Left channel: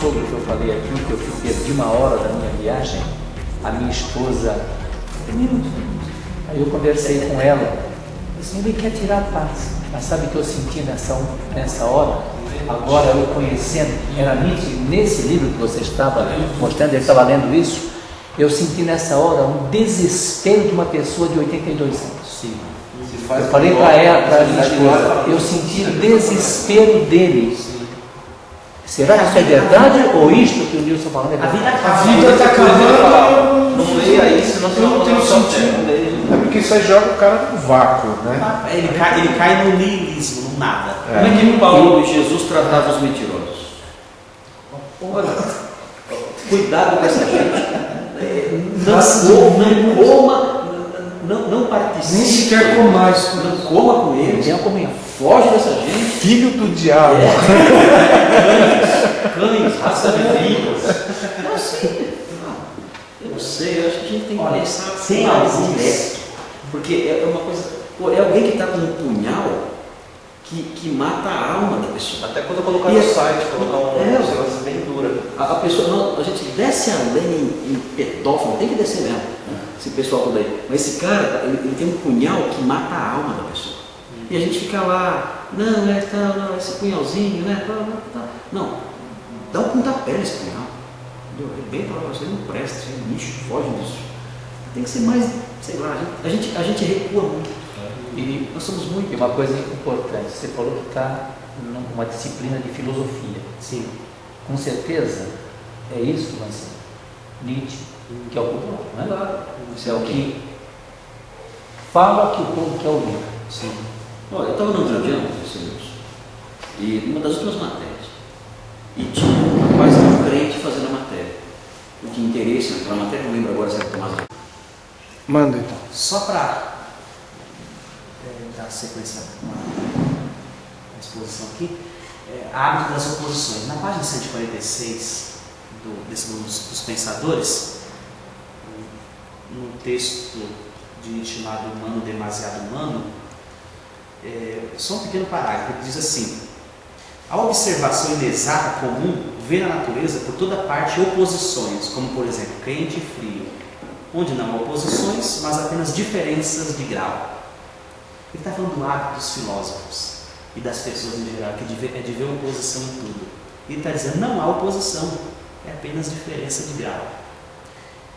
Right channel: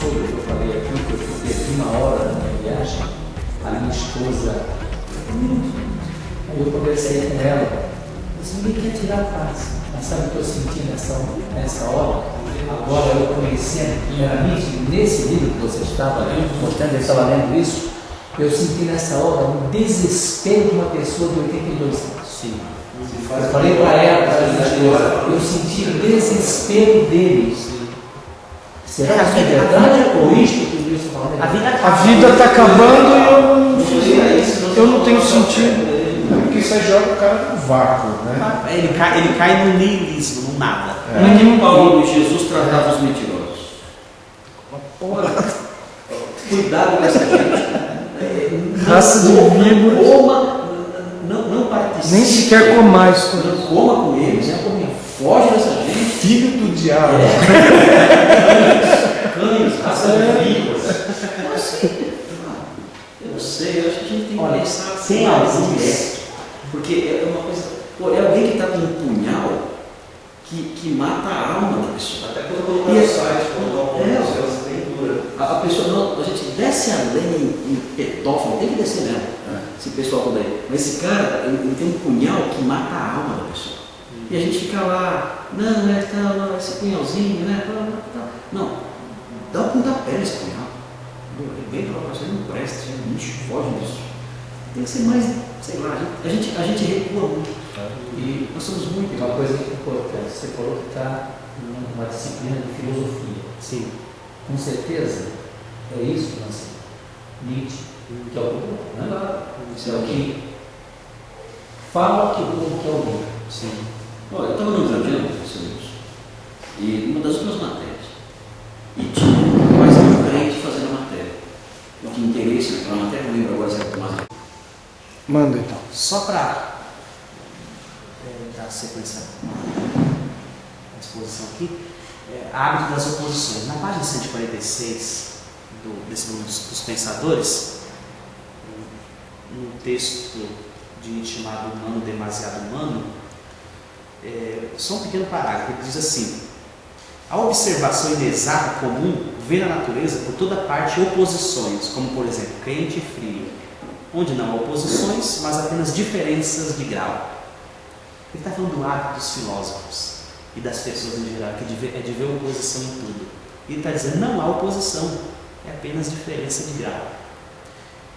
sogro que eu falei aqui, que eu perdi 1 hora da minha viagem, a minha esposa, aí eu conversei com ela, assim, ele quer tirar a paz, mas sabe o que eu senti nessa hora? Agora eu conhecendo, era nesse livro que você estava mostrando, eu estava lendo isso, eu senti nessa hora um desespero de uma pessoa de 82 anos. Sim. Eu falei para ela, para a minha esposa, eu senti o desespero dele. Sim. Será que isso é verdade ou isto que o Nilson falou? A vida está acabando e eu não tenho sentido. É porque isso aí joga o cara no vácuo, né? Ele cai no niilismo, no nada. Como é que o Paulo e Jesus tratava os mentirosos? Cuidado com essa gente. Não participe. Nem sequer comais. Não coma com eles. Foge dessa gente. Filho do diabo. Cães, raça de víboras. Eu não sei, eu acho que a gente tem que pensar sem algum método. Porque é uma coisa. Pô, é alguém que está com um punhal que mata a alma da pessoa. Até quando eu colocar no site, colocar uma coisa bem dura. A pessoa, não, a gente desce além em pedófilo, tem que descer mesmo, esse pessoal todo aí. Mas esse cara, ele tem um punhal que mata a alma da pessoa. E a gente fica lá, não, esse punhalzinho, né? Não, dá um pontapé nesse punhal. Arrebenta lá pra você, não presta, você é lixo, foge disso. Tem que ser mais, sei lá, a gente recua muito. E nós somos muito. E uma coisa importante, você falou que está numa disciplina de filosofia. Sim. Com certeza é isso, Lance. Nietzsche, que é o povo, né? Claro. Isso é o que fala que o povo quer ouvir. Sim. Olha, eu estava no Jardim, e numa das últimas matérias, e tinha quase um crente fazendo a matéria. Eu tinha interesse naquela matéria, não lembro agora se era Tomás. Manda então. Só para dar sequência à exposição aqui, hábito das oposições. Na página 146 desse livro dos Pensadores, num texto de Nietzsche chamado Humano Demasiado Humano, só um pequeno parágrafo, ele diz assim: a observação inexata comum vê na natureza por toda parte oposições, como por exemplo quente e frio, onde não há oposições, mas apenas diferenças de grau. Ele está falando do hábito dos filósofos e das pessoas em geral, que é de ver oposição em tudo. E ele está dizendo, não há oposição, é apenas diferença de grau.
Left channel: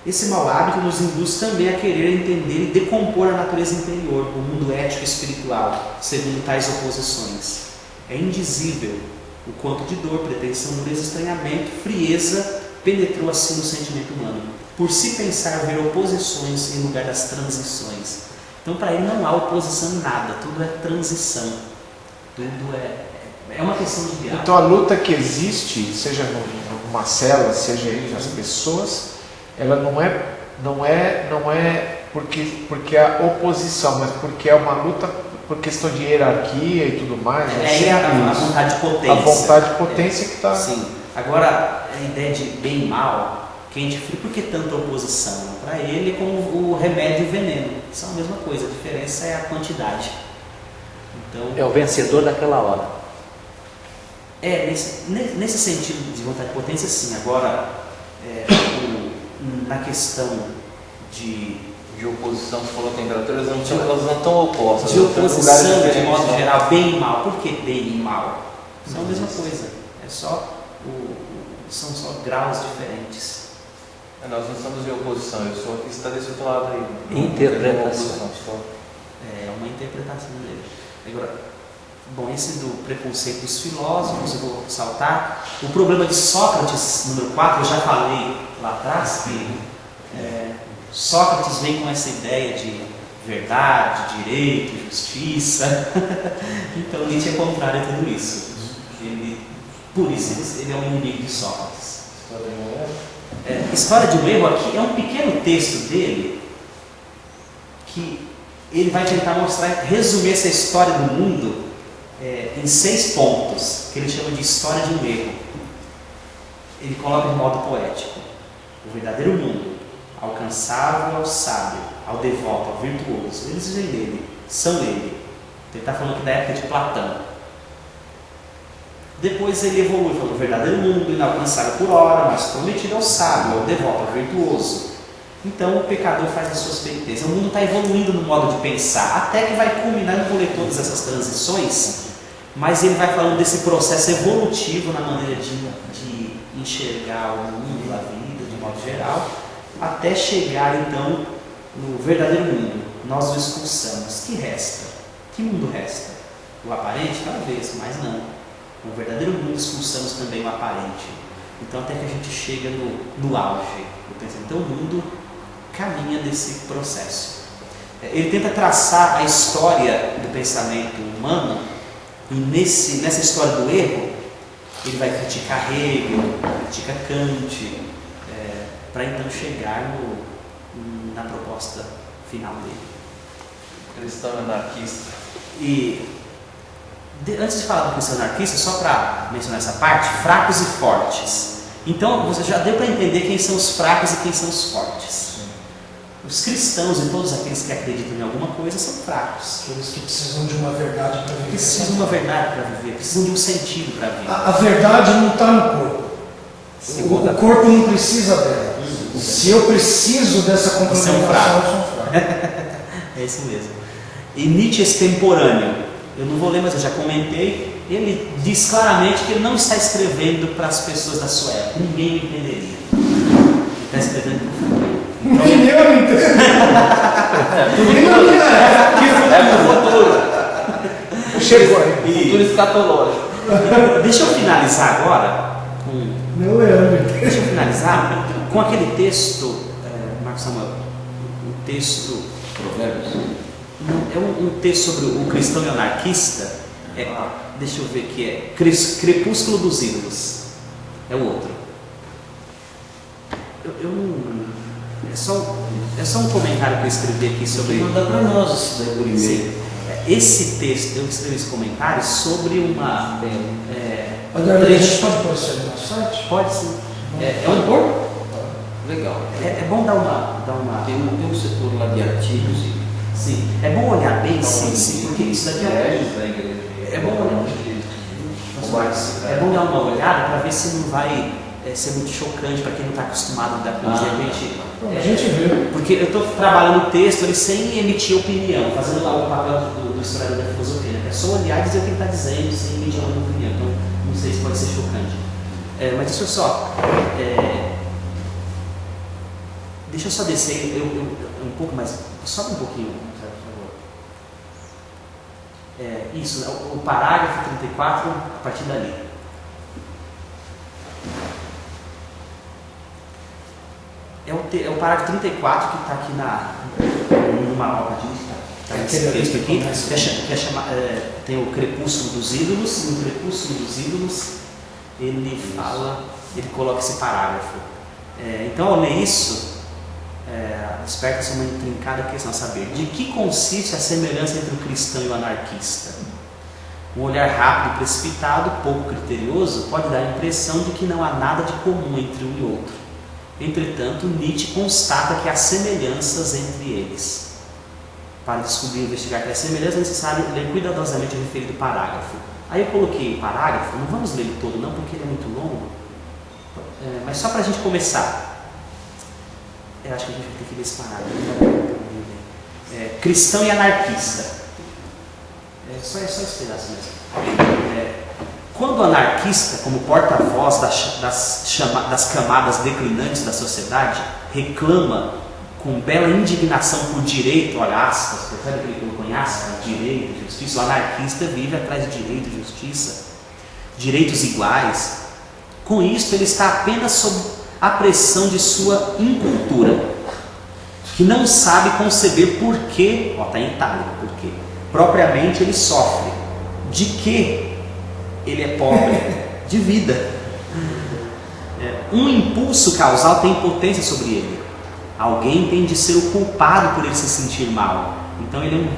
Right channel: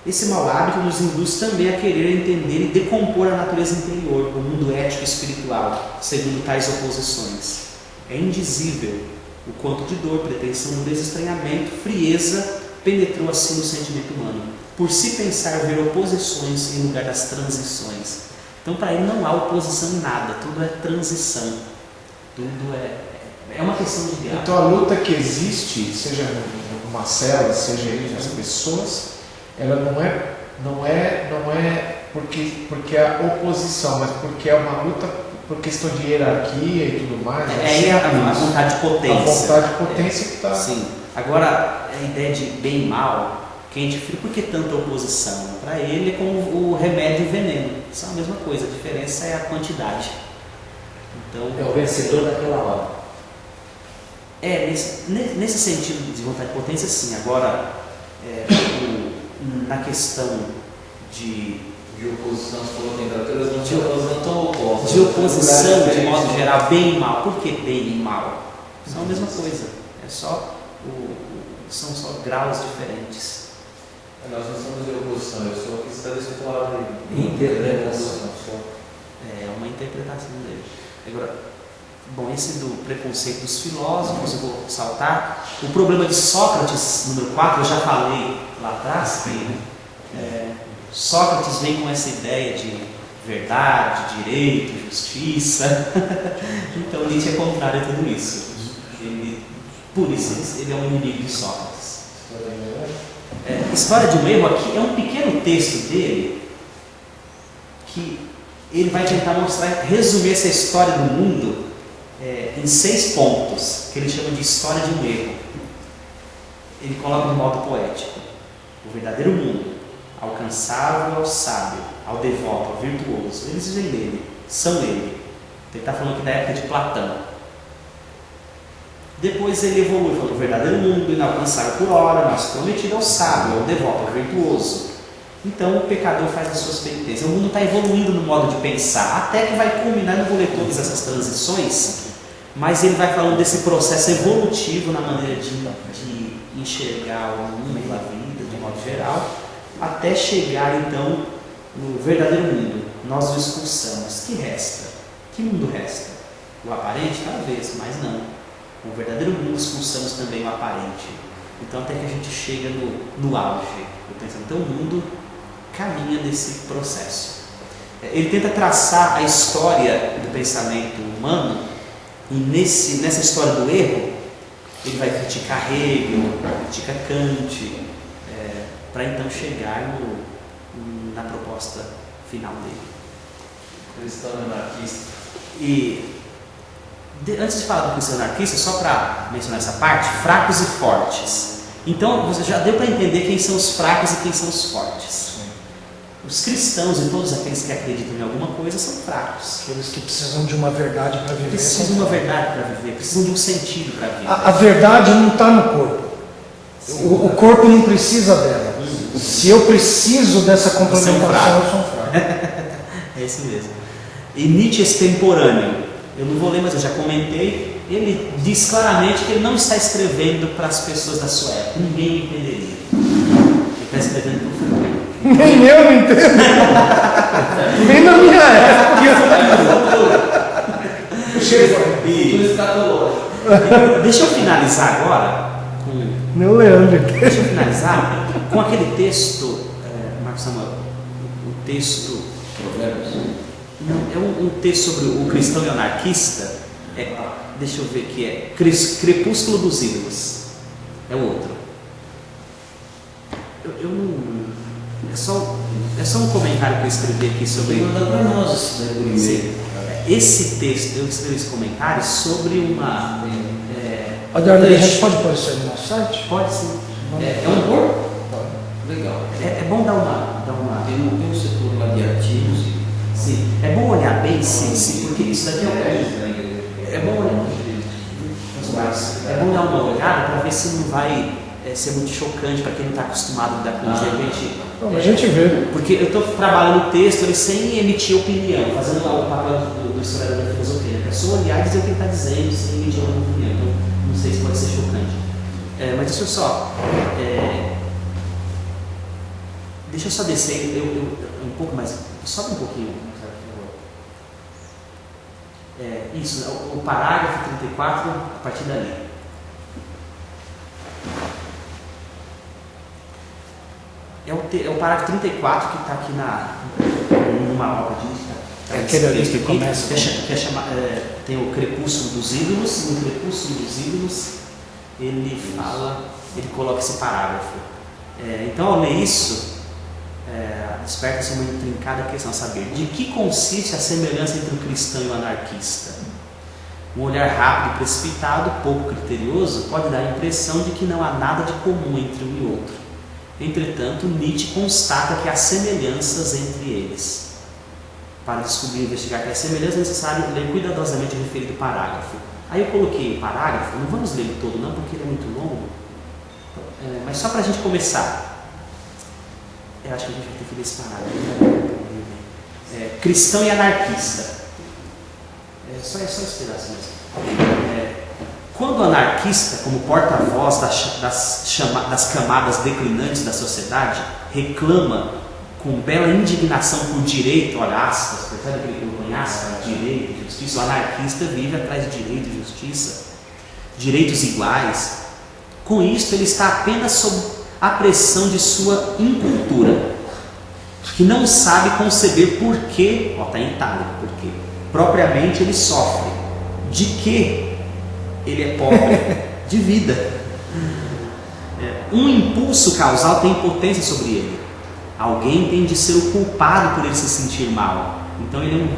Esse mau hábito nos induz também a querer entender e decompor a natureza interior, o mundo ético e espiritual, segundo tais oposições. É indizível o quanto de dor, pretensão, dureza, estranhamento, frieza penetrou assim no sentimento humano, por se pensar ver oposições em lugar das transições. Então, para ele não há oposição em nada, tudo é transição, tudo é uma questão de grau. Então a luta que existe, seja numa célula, seja entre as pessoas, ela não é porque há oposição, mas porque é uma luta por questão de hierarquia e tudo mais. A vontade de potência. A vontade de potência que está. Sim. Agora, a ideia de bem e mal, quente e frio, por que tanta oposição? Para ele é como o remédio e o veneno. São a mesma coisa, a diferença é a quantidade. Então, É o vencedor daquela hora. Nesse sentido de vontade de potência, sim. Agora, na questão de oposição, você falou que elas não estão opostas. De oposição, de modo geral, bem e mal. Por que bem e mal? São a mesma coisa. São só graus diferentes. Nós não estamos de oposição, eu sou o que está desse outro lado aí. Interpretação. É uma interpretação dele. Agora, bom, esse do preconceito dos filósofos, eu vou saltar. O problema de Sócrates, número 4, eu já falei lá atrás, que Sócrates vem com essa ideia de verdade, direito, justiça. Então Nietzsche é contrário a tudo isso. Por isso ele é um inimigo de Sócrates. História de um Erro aqui é um pequeno texto dele que ele vai tentar mostrar, resumir essa história do mundo em 6 pontos, que ele chama de história de um erro. Ele coloca de modo poético: o verdadeiro mundo, alcançável ao sábio, ao devoto, ao virtuoso, eles vêm nele, são ele. Ele está falando aqui da época de Platão. Depois ele evolui para o verdadeiro mundo, inalcançável por hora, mas prometido ao sábio, ao devoto, ao virtuoso. Então o pecador faz as suas penitências. O mundo está evoluindo no modo de pensar, até que vai culminar, não vou ler todas essas transições, mas ele vai falando desse processo evolutivo na maneira de enxergar o mundo, a vida, de modo geral, até chegar então no verdadeiro mundo. Nós o expulsamos. Que resta? Que mundo resta? O aparente? Talvez, mas não. No verdadeiro mundo expulsamos também o aparente. Então até que a gente chega no auge do pensamento. Então o mundo caminha nesse processo. Ele tenta traçar a história do pensamento humano, e nessa história do erro ele vai criticar Hegel, critica Kant, para então chegar na proposta final dele. Cristão anarquista. E antes de falar do cristão anarquista, só para mencionar essa parte, fracos e fortes. Então você já deu para entender quem são os fracos e quem são os fortes. Os cristãos e todos aqueles que acreditam em alguma coisa são fracos. Aqueles que precisam de uma verdade para viver. Precisam de uma verdade para viver, precisam de um sentido para viver. A verdade não está no corpo. O corpo não precisa dela. Se eu preciso dessa complementação, eu sou um fraco. É isso mesmo. E Nietzsche extemporâneo. Eu não vou ler, mas eu já comentei. Ele diz claramente que ele não está escrevendo para as pessoas da sua época. Ninguém o entenderia. Ele está escrevendo para o futuro. Nem eu não entendo. Nem na minha época. Chegou aí. Futuro escatológico. Deixa eu finalizar agora com... Meu Leandro. Deixa eu finalizar com aquele texto, Marcos Samuel, o texto... Provérbios. É um texto sobre o cristão e o anarquista. Deixa eu ver que é Crepúsculo dos Ídolos. É o outro. Eu não... É só um comentário que eu escrevi aqui sobre... Manda para nós esse daí por e-mail. Esse texto, eu escrevi esse comentário sobre uma... A gente pode pôr isso ali no site? Pode sim. É um corpo? Legal. É bom dar uma... Tem um setor lá de artigos e... Sim. É bom olhar bem, sim, porque isso daqui é bom olhar. É bom dar uma olhada para ver se não vai ser muito chocante para quem não está acostumado a lidar com isso. A gente vê. Porque eu estou trabalhando o texto ele sem emitir opinião, fazendo lá o papel do historiador da filosofia. É só olhar e dizer o que ele está dizendo sem emitir uma opinião. Então não sei se pode ser chocante. Mas deixa eu só... Deixa eu só descer um pouco mais. Sobe um pouquinho, por favor. Isso, o parágrafo 34, a partir dali. É o parágrafo 34 que está aqui numa obra de... Aquele ali que começa. Tem o Crepúsculo dos Ídolos, e no Crepúsculo dos Ídolos ele coloca esse parágrafo. Então, ao ler isso, desperta-se uma intrincada questão a saber de que consiste a semelhança entre o cristão e o anarquista. Um olhar rápido e precipitado, pouco criterioso, pode dar a impressão de que não há nada de comum entre um e outro. Entretanto, Nietzsche constata que há semelhanças entre eles. Para descobrir e investigar aquelas semelhanças, é necessário ler cuidadosamente o referido parágrafo. Aí eu coloquei o parágrafo, não vamos ler ele todo não, porque ele é muito longo, mas só para a gente começar. Eu acho que a gente vai ter que ler esse parágrafo. Cristão e anarquista. Só esse pedaço mesmo. Quando o anarquista, como porta-voz das camadas declinantes da sociedade, reclama com bela indignação por direito, olha, aspas, percebe que ele colocou em aspas, direito e justiça, o anarquista vive atrás de direito e justiça, direitos iguais. Com isso, ele está apenas sob a pressão de sua incultura, que não sabe conceber por que, está em itálico, porque propriamente ele sofre, de que ele é pobre, de vida. Um impulso causal tem potência sobre ele. Alguém tem de ser o culpado por ele se sentir mal. Então ele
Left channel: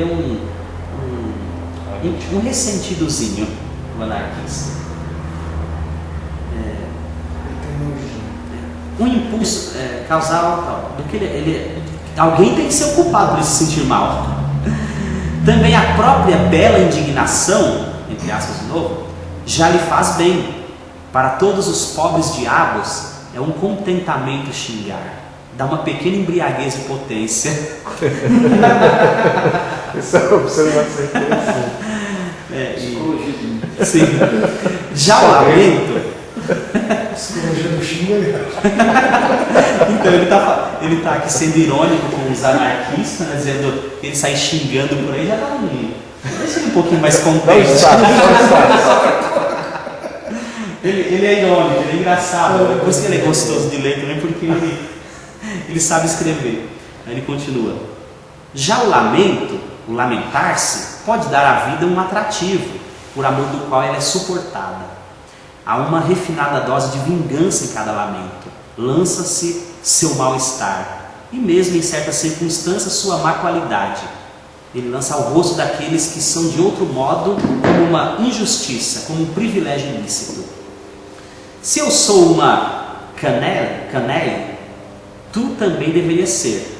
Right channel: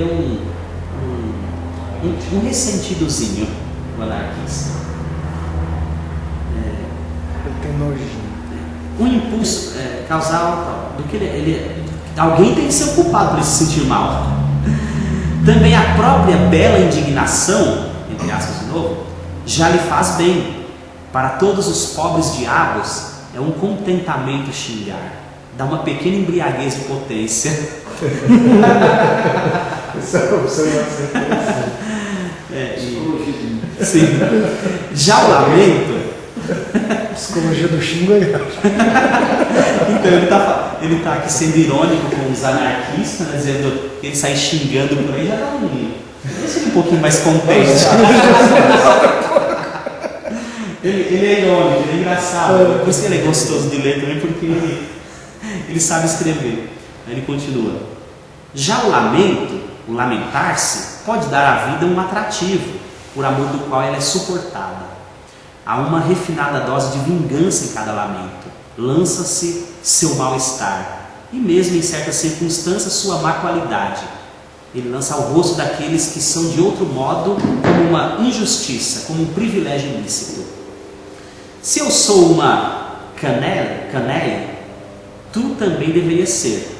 é um ressentidozinho, o anarquista. Ele tem nojinho. Um impulso causal do que alguém tem que ser o culpado por ele se sentir mal. Também a própria bela indignação, entre aspas de novo, já lhe faz bem. Para todos os pobres diabos é um contentamento xingar. Dá uma pequena embriaguez de potência. Isso é uma observação interessante. Sim. Já o lamento. Psicologia do xingo aí. Então ele tá aqui sendo irônico com os anarquistas, né, dizendo que ele sai xingando por aí, já tá deixa ele um pouquinho mais contente. Ele é irônico, ele é engraçado. Por isso que ele é gostoso de ler também, porque ele sabe escrever. Aí ele continua. Já o lamento, o lamentar-se, pode dar à vida um atrativo, por amor do qual ela é suportada. Há uma refinada dose de vingança em cada lamento. Lança-se seu mal-estar, e mesmo em certas circunstâncias sua má qualidade. Ele lança ao rosto daqueles que são de outro modo como uma injustiça, como um privilégio ilícito. Se eu sou uma canelle, tu também deveria ser.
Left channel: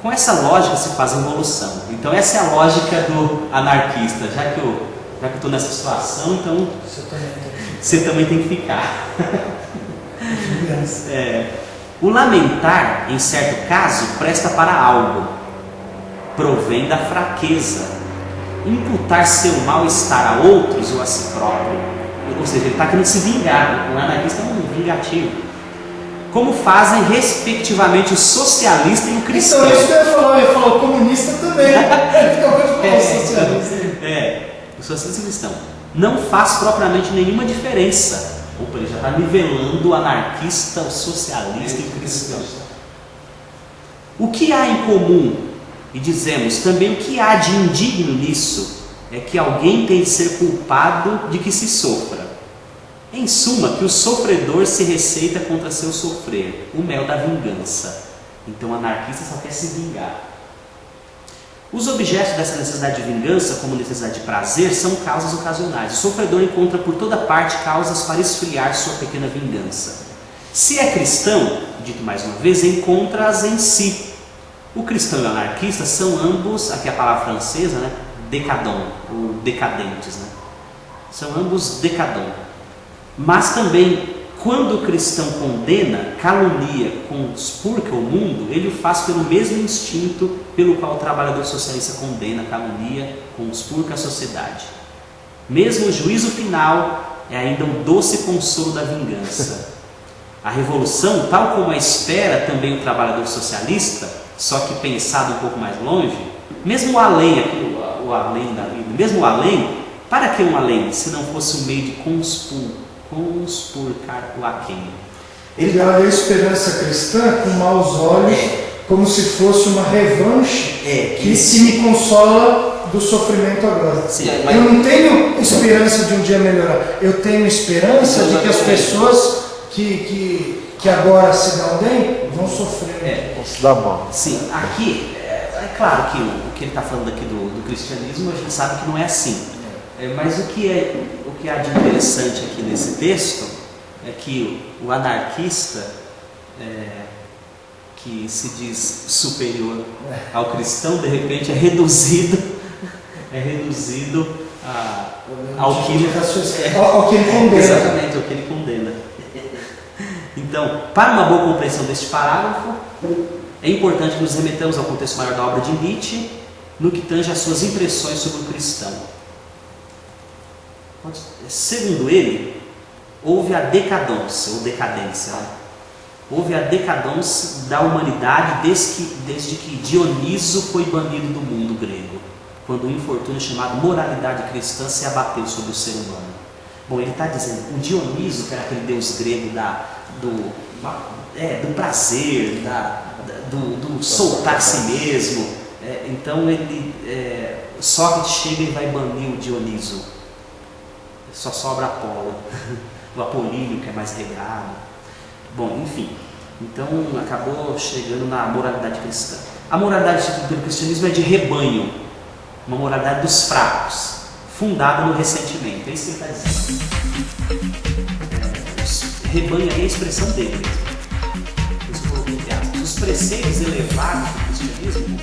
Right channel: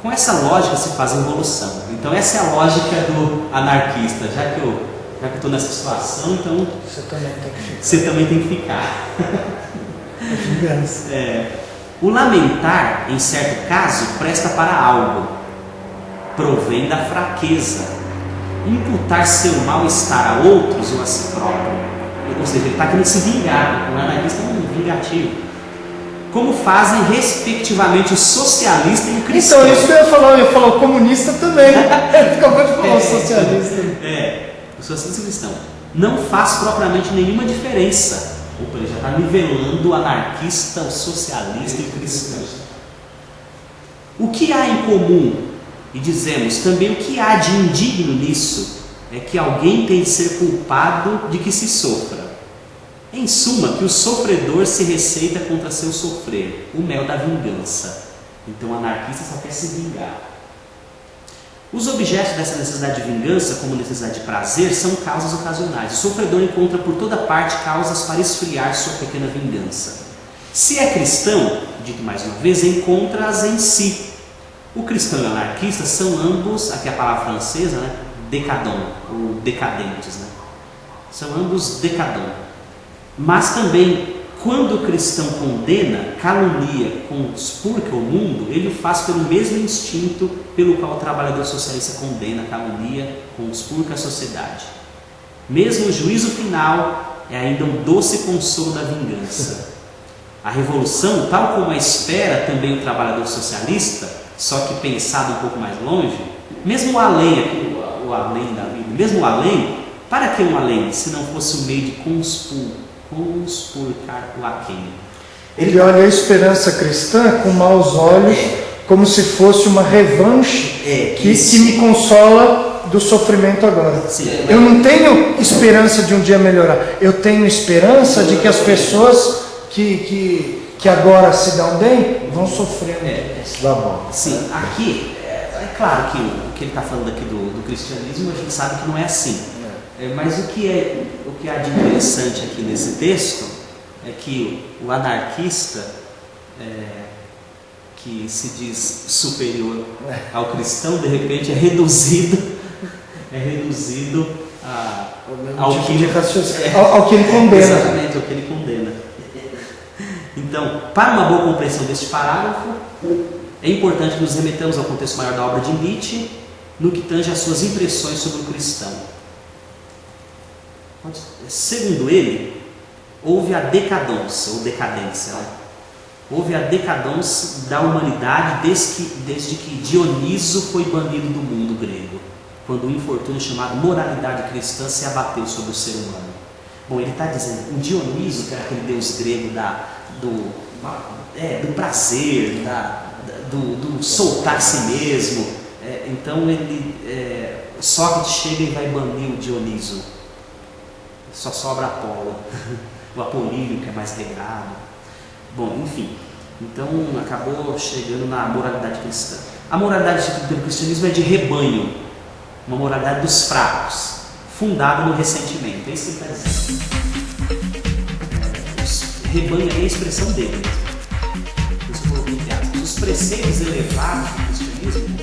Com essa lógica se faz a evolução. Então essa é a lógica do anarquista. Já que eu estou nessa situação, então você também tem que ficar. O lamentar, em certo caso, presta para algo. Provém da fraqueza. Imputar seu mal-estar a outros ou a si próprio. Ou seja, ele está querendo se vingar. O anarquista é um vingativo. Como fazem respectivamente o socialista e o cristão. Então, isso que eu ia falar o comunista também. Acabou de falar o socialista. O socialista e o cristão. Não faz propriamente nenhuma diferença. Opa, ele já está nivelando o anarquista, o socialista e o cristão. O que há em comum? E dizemos também o que há de indigno nisso é que alguém tem de ser culpado de que se sofra. Em suma, que o sofredor se receita contra seu sofrer, o mel da vingança. Então o anarquista só quer se vingar. Os objetos dessa necessidade de vingança, como necessidade de prazer, são causas ocasionais. O sofredor encontra por toda parte causas para esfriar sua pequena vingança. Se é cristão, dito mais uma vez, encontra-as em si. O cristão e o anarquista são ambos, aqui a palavra francesa, né, décadents, ou decadentes, né? São ambos décadents. Mas também, quando o cristão condena, calunia, conspurca o mundo, ele o faz pelo mesmo instinto pelo qual o trabalhador socialista condena, calunia, conspurca a sociedade. Mesmo o juízo final é ainda um doce consolo da vingança. A revolução, tal como a espera também o trabalhador socialista, só que pensado um pouco mais longe, mesmo o além, o além da vida, mesmo o além, para que um além, se não fosse o meio de conspurcar o aquém? Ele olha a esperança cristã com maus olhos, como se fosse uma revanche que me consola do sofrimento agora. Sim, eu não tenho esperança de um dia melhorar, eu tenho esperança de que as pessoas que agora se dão bem vão sofrer. Vão se dar mal. Sim, aqui, é claro que o que ele está falando aqui do cristianismo, a gente sabe que não é assim. Mas o que há de interessante aqui nesse texto é que o anarquista, que se diz superior ao cristão, de repente é reduzido ao que ele condena. Exatamente, ao que ele condena. Então, para uma boa compreensão deste parágrafo, é importante que nos remetamos ao contexto maior da obra de Nietzsche, no que tange às suas impressões sobre o cristão. Segundo ele, houve a decadência, ou decadência, né? Houve a decadência da humanidade desde que Dioniso foi banido do mundo grego, quando o infortúnio chamado moralidade cristã se abateu sobre o ser humano. Bom, ele está dizendo, o Dioniso, que era aquele deus grego do prazer, do soltar a si mesmo, então Sócrates chega e vai banir o Dioniso. Só sobra Apolo, o Apolíneo, que é mais regrado. Bom, enfim, então acabou chegando na moralidade cristã. A moralidade pelo cristianismo é de rebanho, uma moralidade dos fracos, fundada no ressentimento. É isso que ele está dizendo. Rebanho é a expressão dele mesmo. Por isso eu coloquei entre aspas. Os preceitos elevados do cristianismo,